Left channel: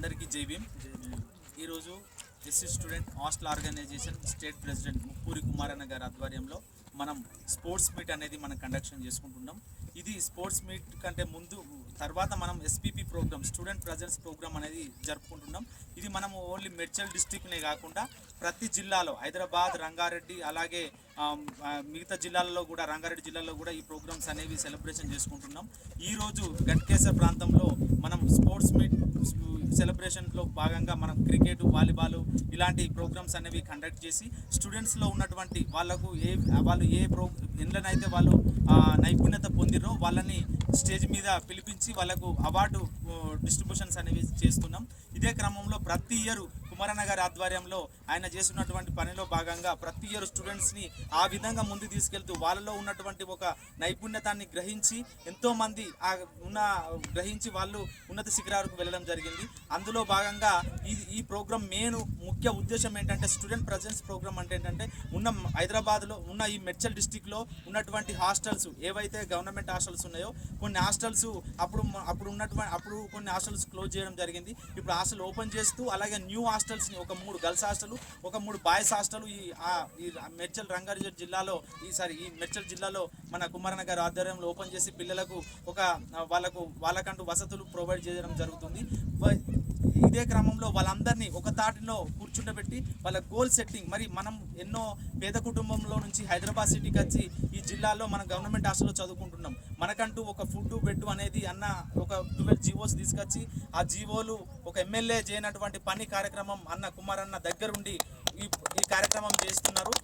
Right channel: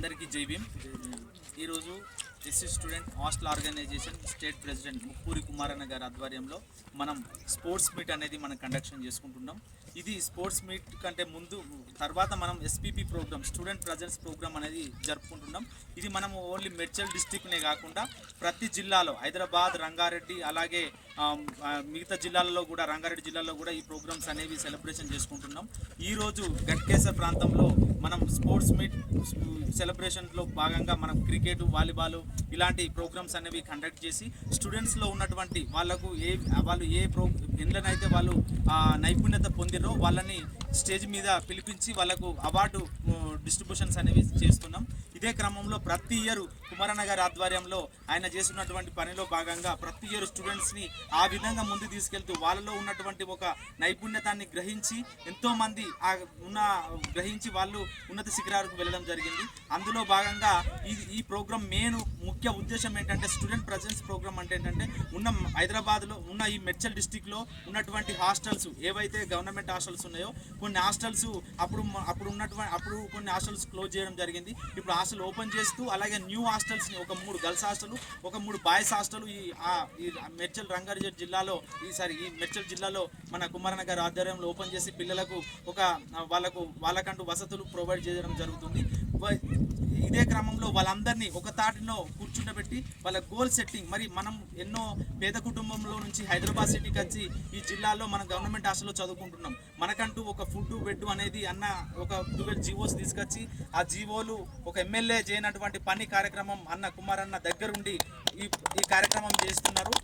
అందరికీ జై భీమ్. ఈరోజు SC student hostel organisation state president Muppuri Kumaranna గారి ఆధ్వర్యంలో మనం స్పోర్ట్స్ మీట్ అనేది మనం కండక్షన్ చేసుకుంటున్నాం. ఇది స్పోర్ట్స్ మీట్ కంటే ముందు తర్వాత మనం SPP program student presence program అనేది జరుపుకుంటున్నాం. ఇది మనం ఓన్లీ మేడ్చల్ డిస్టిక్నే కాకుండా ప్రతి జిల్లాలో హైదరాబాద్, రంగారెడ్డి, అలాగే మిగతా జిల్లాలలో కూడా రంగారెడ్డి జిల్లాలో కూడా ఈ ప్రోగ్రామ్స్ అనేవి సెలబ్రేషన్ చేసుకుంటున్నాం. ఈరోజు గట్కేసర్ ప్రాంతంలో మనం స్పోర్ట్స్ మీట్ సెలబ్రేషన్లో భాగంగా మనం క్రికెట్, వాలీబాల్ ఇలాంటి ప్రోగ్రామ్స్ అనేవి కండక్ట్ చేసి స్టూడెంట్స్లో ఉన్నటువంటి వాళ్ళు ఎందులోనైతే వాళ్ళు నైపుణ్యత పొందిరో వాళ్ళని స్టేజ్ మీద పిలిపించి వాళ్ళకు అవార్డు డిస్ట్రిబ్యూషన్స్ అనేవి చేస్తున్నాం. ఇదే క్రమంలో ప్రతి ఇయర్ కుమారన్న గారి ఆధ్వర్యంలో ఆయన చేస్తున్నటువంటి పనిలో భాగంగా ప్రతి ఇయర్ స్టూడెంట్స్ని ఆ విధంగా ముందు తీసుకెళ్తూ వాళ్ళలో ఉన్నటువంటి ఒక నైపుణ్యతాన్ని గ్రహించి ఎంతోమంది గ్రహించి వాళ్ళు ఉన్నత శిఖరాలకు వెళ్ళడం జరిగింది. అందులో భాగంగా ఈ ప్రోగ్రామ్ ముఖ్య ఉద్దేశం ఏంటంటే స్టూడెంట్ ప్రజెన్స్ ప్రోగ్రామ్ అంటే ఏంటంటే హైదరాబాద్లో ఉన్న ఈ మేడ్చల్ డిస్టిక్లో ఉన్నటువంటి హాస్టల్స్ ఏవైతే గవర్నమెంట్ హాస్టల్స్ ఉన్నాయో కొన్ని హాస్టల్స్ అప్పుడు కొన్ని హాస్టల్స్ క్లోజ్ చేయడం జరిగింది. ఇప్పుడు హాస్టల్ ఓపెన్ చేస్తూ అలాగే న్యూ హాస్టల్స్ని ఒక 3 గర్ల్స్ హాస్టల్, ఒక 3 బాయ్స్ హాస్టల్ ఈ మేడ్చల్ రంగారెడ్డి జిల్లాలో ఈ మేడ్చల్ జిల్లాలో మన కుమారన్న గారి ఆధ్వర్యంలో ఓపెన్ చేసి పిల్లలకు వాళ్ళకంటూ వసతులు ప్రొవైడ్ చేయడం జరుగుతుంది. ఇదే క్రమంలో వాళ్ళందరినీ ఒక తాటిలో కూర్చుండబెట్టి వాళ్ళ గోల్ సెట్టింగ్, మరి మనం ఎన్నో పేద కుటుంబంలో నుంచి హైదరాబాద్ సిటీకి వచ్చి ఈ జిల్లాలో మనం గవర్నమెంట్ హాస్టల్లో చదువుకుంటున్నాం. మనకంటూ ఒక ఫుడ్ బెడ్ అనేది ఒక 12 జీవోస్ తీసుకొచ్చి ఆ జీవోలు ఒక ఎమ్మెల్యే చేయనటువంటి పని కార్యక్రమం కుమారన్న దగ్గరుండి ఈ కార్యక్రమం చేస్తున్నారు.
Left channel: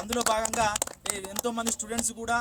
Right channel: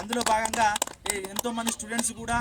అందులో భాగంగా ఎంతోమంది స్టూడెంట్స్ కూడా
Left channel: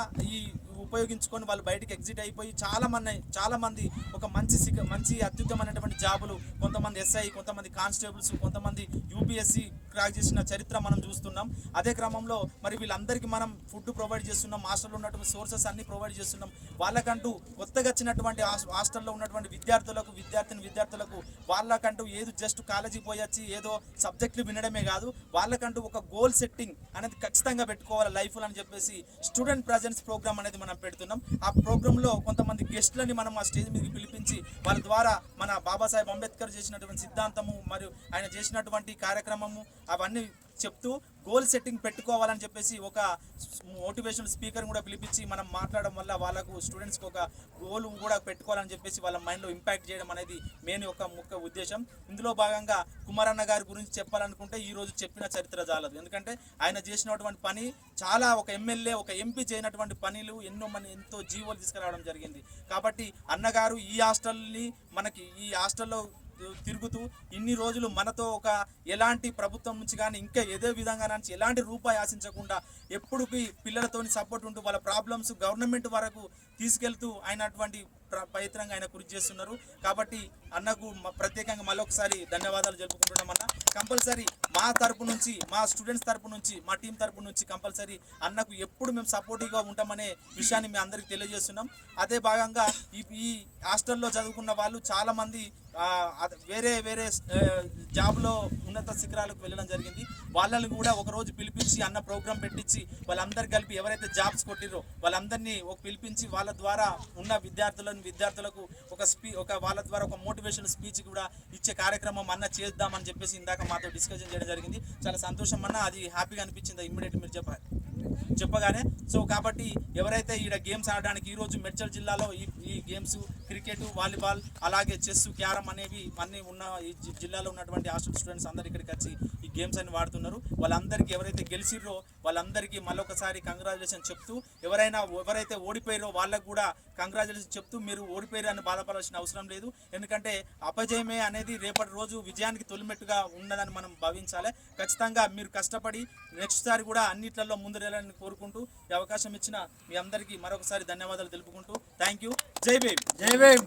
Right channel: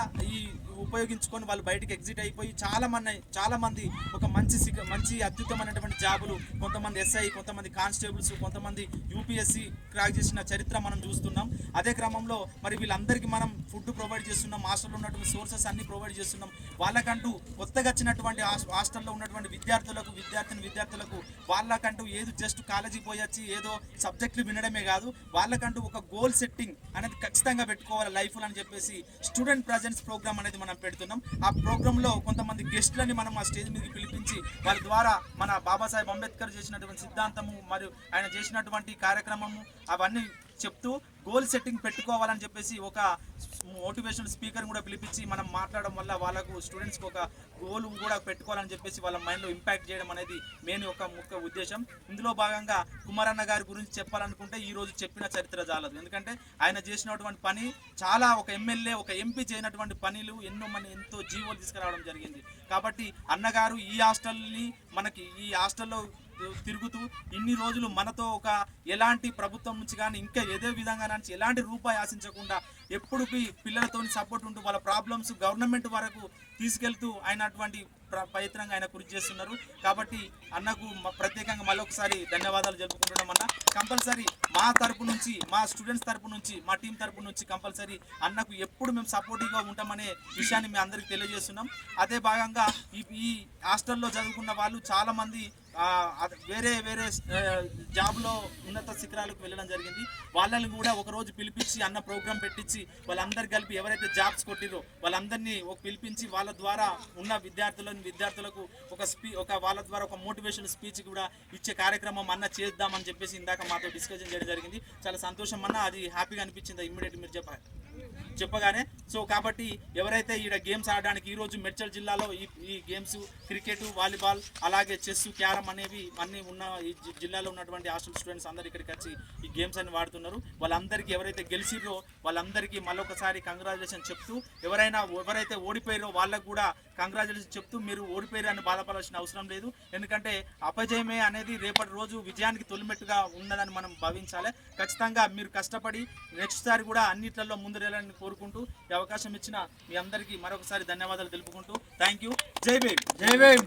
ఉపయోగించుకొని వాళ్ళు బయటికి ఎగ్జిట్ అయిపోయి చాలా మంది ఒక మంచి అత్యుత్తమైనటువంటి జాబులు, కొంతమంది ఎస్ఐ, కొంతమంది కానిస్టేబుల్స్, కొంతమంది యూపీఎస్సీ క్రాక్ చేసిన చరిత్ర మనం చూస్తున్నాం. అదే క్రమంలో మరి వీళ్ళందరికీ మనం ఫుడ్ ప్రొవైడ్ చేస్తున్నాం, హాస్టల్లో ఉన్నటువంటి సోర్సెస్ అన్ని ప్రొవైడ్ చేస్తున్నాం. వాళ్ళకంటూ కొత్తగా వచ్చినటువంటి హాస్టల్లో ఉన్నటువంటి విద్యార్థులకు వాళ్ళకంటూ ఏదో జస్ట్ కాలేజీకి పోయి వచ్చి ఏదో సబ్జెక్టులు వినడమే కాదు, వాళ్ళకంటూ ఒక గోల్ సెట్టింగ్ అనేది ఖచ్చితంగా పెట్టుకోవాలి లైఫ్లో అని చెప్పేసి స్టూడెంట్ ప్రజెన్స్ ప్రోగ్రామ్ అనేది మనం పెడుతున్నాం. ఆ ప్రోగ్రాంలో కొంతమంది గెస్ట్లని మనం ఆ స్టేజ్ మీదకి పిలిపించి వాళ్ళ ద్వారా మన బాబాసాహెబ్ అంబేద్కర్ చేసినటువంటి సిద్ధాంతము మరియు ఆయన చేసినటువంటి కార్యక్రమము అవన్నీ చెప్తూ గోల్ సెట్టింగ్ పెట్టుకోవాలని చెప్పేసి ఒక మోటివేషనల్ స్పీకర్ కూడా పిలిపించి మనం మాట్లాడడం వల్ల వాళ్ళకు స్టూడెంట్స్కి ఒక గోల్ కూడా పెట్టుకోవాలని చెప్పేసి వాళ్ళ మైండ్లో ఇంపాక్ట్ చేయడం అనేది ముఖ్య ఉద్దేశం. ఇందులో భాగంగా కుమారన్న గారి గురించి చెప్పాలనుకుంటే ఈరోజు చెప్పిన చరిత్ర చాలదు. ఎందుకంటే ఆయన చేసినటువంటి పని చాలా ఒక ఎమ్మెల్యే, ఒక ఎంపీ చేయనటువంటి పనులు ఎంతో జీవోలు తీసుకురావడం జరిగింది. కాబట్టి అన్నగారు ఈ హాస్టల్లో తిరుగుతూ ఇన్ని రోజులు మనతో ఎలాంటి ప్రభుత్వం నుంచి కానీ ఇంకా ఏదే విధంగా నుంచి ఎలాంటి రూపాయి ఆశించకుండా ఎప్పుడు పిల్లలతో సపోర్ట్ ఉంటూ వాళ్ళ ప్రాబ్లమ్స్ గవర్నమెంట్ వరకు తీసుకెళ్తూ అయినటువంటి ప్రయత్నంగా ఆయన కృషి చేస్తున్నారు. కాబట్టి అన్నకు ప్రత్యేకంగా మళ్ళొకసారి ధన్యవాదాలు జరుపుకుంటున్నాం. అన్న కంపల్సరీ మా తరపు నుంచి, మా స్టూడెంట్స్ తరపు నుంచి, మా టీం తరపు నుంచి కంపల్సరీ అన్నకు ఎప్పుడు మేము సపోర్టివ్గా ఉంటామనే విషయాన్ని మేము అందరికీ తెలియజేస్తున్నాం. అదే భాగంగా ఈ హాస్టల్లో చదువుకున్న వాళ్ళు చాలామంది వేరే జాబ్లో ఉన్నత శిఖరాలకు వెళ్ళడం జరిగింది. వాళ్ళని కూడా ఒకరోజు పిలిపించి అన్న ప్రోగ్రాం పెట్టించి వాళ్ళందరూ కలిపి ఎవరైతే జాబ్స్ కొట్టిరో వాళ్ళందరినీ పిలిపించి వాళ్ళ ద్వారా ఉన్న విద్యార్థులకు వాళ్ళ ద్వారా ఒక మోటివేషన్ స్పీచ్ కూడా ఇచ్చే కార్యక్రమం అన్న చేద్దామని చెప్పేసి ఇందాక మాతో డిస్కషన్ చేయడం జరిగింది. చాలా సంతోషం అన్న, అది హ్యాపీగా అనిపించింది ఇమ్మీడియట్ మీరు చెప్పగానే. సో కాబట్టి ఎవరైతే ఈడ గేమ్స్ ఆడడానికి ఈరోజు మేడ్చల్ జిల్లాలో ఈ గేమ్స్ క్రికెట్, వాలీబాల్, అలాగే చెస్, క్యారమ్ అనేవి అన్నీ ఉన్న ఈ జిల్లాలో ఉన్నటువంటి హాస్టల్ స్టూడెంట్స్ అందరు ఇక్కడికి వచ్చి ఈ గేమ్స్ అన్ని వాడుతున్నారు. వాళ్ళందరికీ ఎవరైతే గెలిచిర్రో వాళ్ళందరికీ మళ్ళొకసారి కంగ్రాచులేషన్ చెప్తూ, ఎవరైతే ఓడిపోయారో వాళ్ళకు కూడా కంగ్రాచులేషన్ చెప్తూ, మీరు ఓడిపోయారని బాధపడాల్సిన అవసరం లేదు. ఎందుకంటే అపజయమే అనేది రేపటి రోజు విజయానికి తొలిమెట్టుగా ఉన్నదని మనం భావించాలి. ఖచ్చితంగా మీరు కష్టపడి నెక్స్ట్ సారి కూడా అన్నిట్లలో ముందుకెళ్ళాలని కోరుకుంటూ ఈ అవకాశం ఇచ్చిన మీ అందరికీ మరొకసారి ధన్యవాదాలు తెలుపుకుంటూ థ్యాంక్ యూ. జై భీమ్.